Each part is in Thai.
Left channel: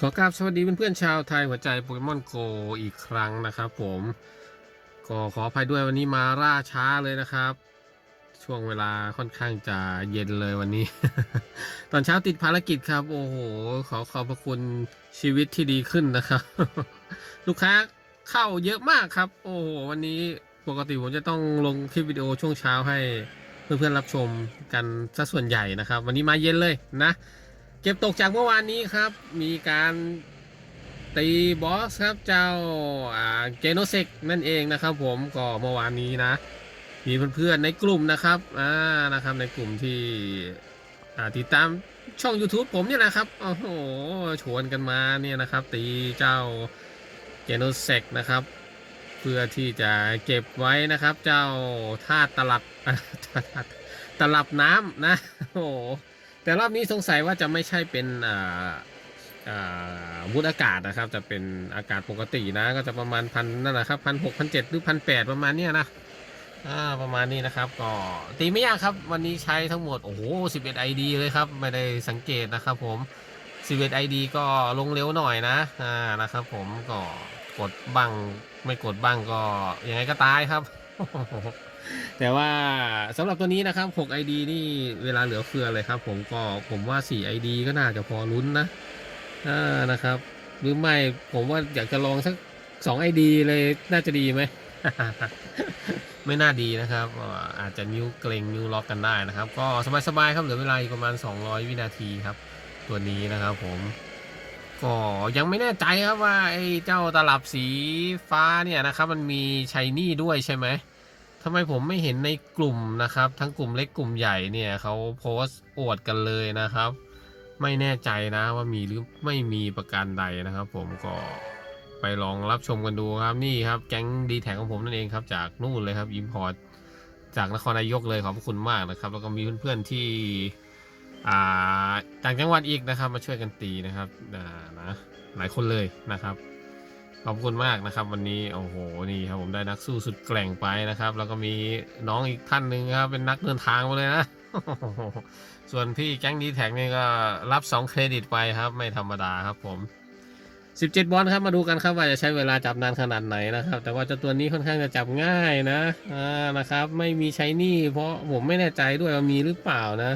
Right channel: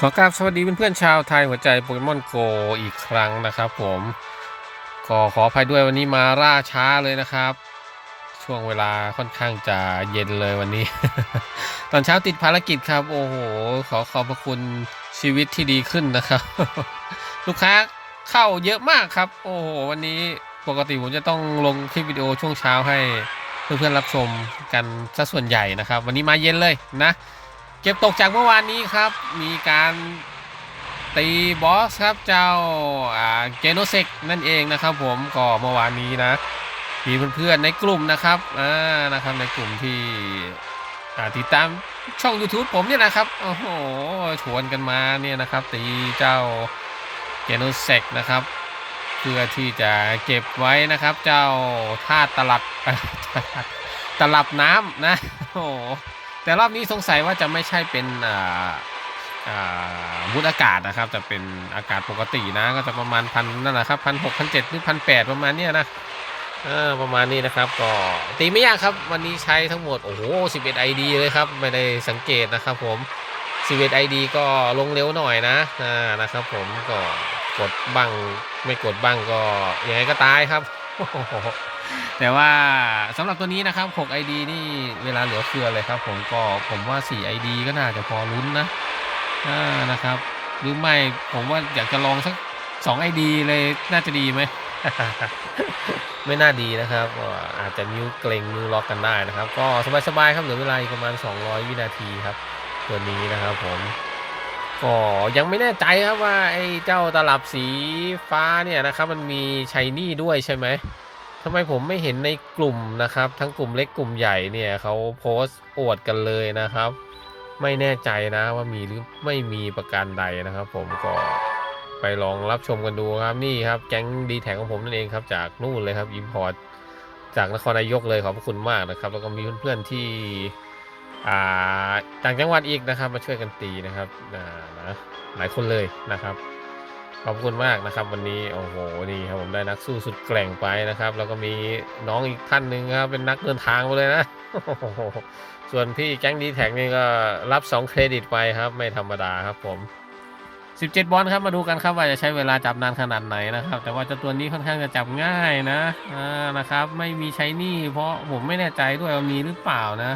ขอกราบสวัสดีเพื่อนๆชาวไทยหัวใจโปเกมอนโกอีกครั้งนะครับผมก็ขออภัยด้วยวันนี้มาล่าช้าเลยนะครับ ช่วงเวลาค่อนข้างจะเย็นเลยวันนี้ ตอนเช้าติดภารกิจครับ โอ้โห ขอขอบพระคุณชีวิตที่ดีขึ้นนะครับ ลูกค้าเข้าเยอะมากครับ โอ้โห วันนี้ปกติผมจะต้องลงคลิปวิดีโอช่วงเช้าให้เพื่อนๆรับชมกันซะส่วนใหญ่นะครับ วันนี้มาเย็นเลยนะ ก็บตกจากเมื่อวานนี้ครับ มีการตีบอสครับเจ้าเกโนเซกนั่นเองนะครับ ผมก็เมื่อวานนี้นะมีเพื่อนๆในกลุ่มนะครับอ่านะครับในกลุ่มที่ติดตามช่อง YouTube ผมเนี่ยนะครับโอ้โหชวนกันมาเนี่ยนะครับ ตีเจ้าเกโนเซกนะครับ เพื่อที่จะเก็บไว้นะครับ เจ้าธาตลับตลับน้ำนะโอ้ แต่รอบนี้สงสัยว่าจะไม่ใช่เป็นอ่าอ่าวุฒิอากาศนะครับแต่เป็นอากาศปกตินะ ก็จะประมาณพันนั่นแหละครับพันหกพันเจ็ดหรือพันแปดประมาณเนี้ยนะเออประมาณนี้นะครับก็ตีไม่ยากครับ วันนี้ใช้ทั้งหมด โอ้โห11 ID เลยครับ ไม่ได้สังเกตนะครับผม11 ID ก็ลงเร็วหน่อยนะอ่านะครับผมก็กดบ้างไม่กดบ้างก็ยังไงก็ตายครับ แต่ว่าสำหรับตัวนี้นะครับ6 ID นี่เวลาเหลือเฟือเลยครับ ผมก็ผมว่า 4 ID ก็น่าจะพอลุ้นนะนะครับ หรือไม่ผมว่าอยากจะลองสัก 2 ID เลยน่าจะดีไหมไม่น่าดีนะครับอาจจะนิ้วเกรงนิ้วล็อกกันได้นะครับ ก็สบายๆครับเหลือเวลาประมาณ 200 วินาทีครับ ตัวนี้นะครับผมก็ยังไม่แน่ใจครับว่าไอ้เจ้าตลับสีฟ้าเนี่ยนะครับ มันมีชัยนี่ด้วยใช่ไหม ทำไมผมไม่เห็นในกลุ่มนะครับ ทั้งกลุ่มเล็กกลุ่มใหญ่เนี่ยเขาโพสต์อวดกันเลยนะครับ ไม่แน่ใจนะว่ามีหรือไม่มีประการใดนะครับ ผมก็ไปลองรับชมกันดูครับนี่ครับแก๊งดีแท็ของผมนั่นเองครับ จากนู่นเลยครับอิมพอร์ตจากนครนายกเลยขอบคุณมากนะครับ แล้วก็มีเพื่อนๆที่ต่างจังหวัดอีกนะครับ มาช่วยกันตีนะครับนะหลายคนเลยนะครับ ขอบคุณมากนะครับ วันนี้โอ้โหนี่ครับผมได้นักสู้สุดแกร่งไปนะครับ แล้วก็มีน้องอีกท่านหนึ่งครับเป็นนักเดินทางมาเลยนะส่วนพี่แก๊งดีแท็กนี่ก็รับ 2 เครดิตไปครับ ไม่ธรรมดาครับผม 17 บอลครับมาดูกันครับว่าจะใช้เวลาจับนานขนาดไหนนะครับ แต่ว่าเจ้าตัวนี้ค่อนข้างจะจับง่ายนะอ่านะครับ ไม่มีใช้นี่เพราะผมไม่แน่ใจด้วยว่ามีหรือเปล่านะ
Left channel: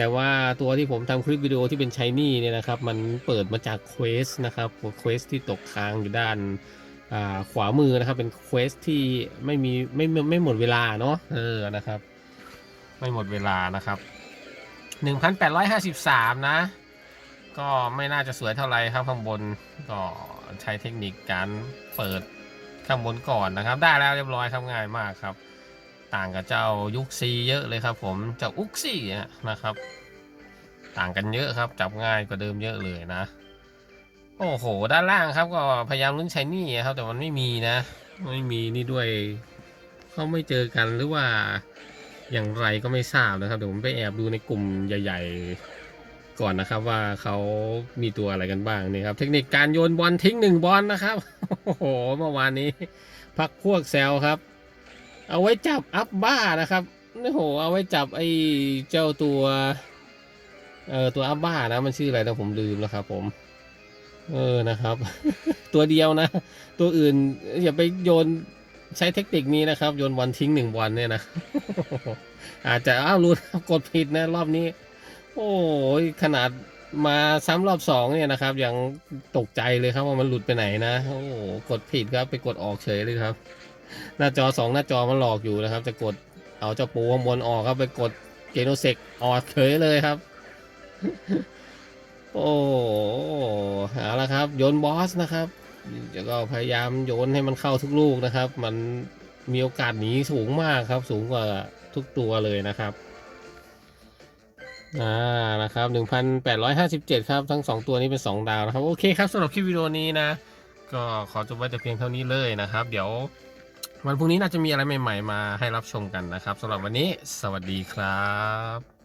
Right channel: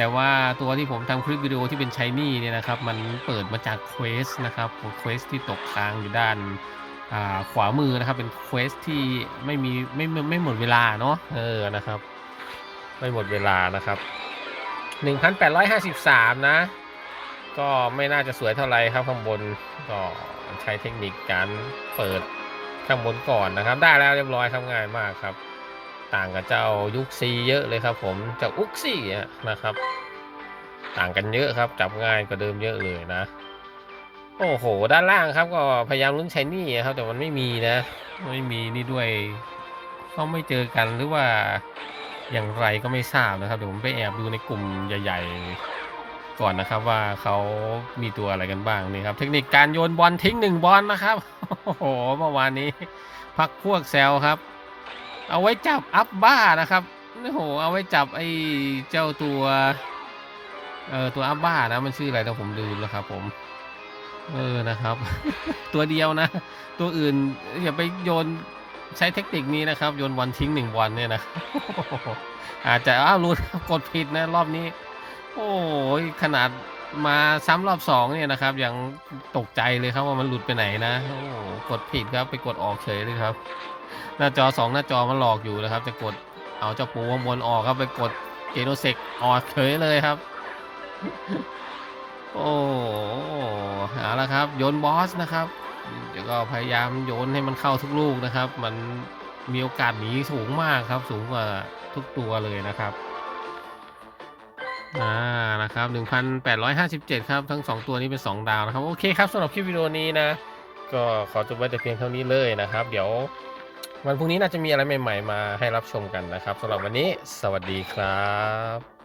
แต่ว่าตัวที่ผมทำคลิปวิดีโอที่เป็นชายนี่เนี่ยนะครับ มันเปิดมาจากเควสนะครับเควสที่ตกค้างอยู่ด้านาขวามือนะครับ เป็นเควสที่ไม่มีไม่ไม่ไม่หมดเวลาเนาะเออนะครับ ไม่หมดเวลานะครับ 1,853 นะ ก็ไม่น่าจะสวยเท่าไหร่ครับข้างบนก็ใช้เทคนิคการเปิดข้างบนก่อนนะครับ ได้แล้วเรียบร้อยครับง่ายมากครับ ต่างกับเจ้ายุคซีเยอะเลยครับ ผมเจ้าอุกซี่นะครับ ต่างกันเยอะครับจับง่ายกว่าเดิมเยอะเลยนะ โอ้โห ด้านล่างครับก็พยายามลุ้นใช้นี่ครับ แต่มันไม่มีนะ ไม่มีนี่ด้วยเขาไม่เจอกันหรือว่าอย่างไรก็ไม่ทราบนะครับเดี๋ยวผมไปแอบดูในกลุ่มใหญ่ ๆ ก่อนนะครับว่าเขามีตัวอะไรกันบ้างนี่ครับ เทคนิคการโยนบอลทิ้งหนึ่งบอลนะครับโอ้โหเมื่อวานนี้ พักพวกแซวครับ เอาไว้จับอัพบ้านะครับโอ้โหเอาไว้จับไอ้เจ้าตัวเออตัวอัพบ้านะมันชื่ออะไรนะผมลืมแล้วครับ ผม เออนะครับ ตัวเดียวนะ ตัวอื่นอย่าไปโยนใช้เทคนิคนี้นะครับ โยนบอลทิ้งหนึ่งบอลเนี่ยนะอาจจะอ้าวรู้กดผิดนะรอบนี้ โอ้ยขนาดมาซ้ำรอบสองเนี่ยนะครับยังตกใจเลยครับว่ามันหลุดไปไหนนะโอ้โหกดผิดครับไปกดออกเฉยเลยครับ หน้าจอสองหน้าจอมันหลอกอยู่นะครับ จะกดเอาเจ้าปูข้างบนออกครับไปกดเกโนเซกออกเฉยเลยครับ โอ้หเอาละครับ โยนบอสนะครับจะก็พยายามโยนให้มันเข้าทุกลูกนะครับ มันมีโอกาสหนีสูงมากครับ สูงกว่าทุกตัวเลยนะครับอ่านะครับ 1,857 ครับทั้ง 2 ตัวนี้เป็น 2 ดาวนะครับ โอเคครับสำหรับคลิปวิดีโอนี้นะ ก็ขอจบไว้แต่เพียงเท่านี้เลยนะครับ เดี๋ยว วันพรุ่งนี้น่าจะมีอะไรใหม่ ๆ มาให้รับชมกันนะครับสำหรับวันนี้ สวัสดีครับ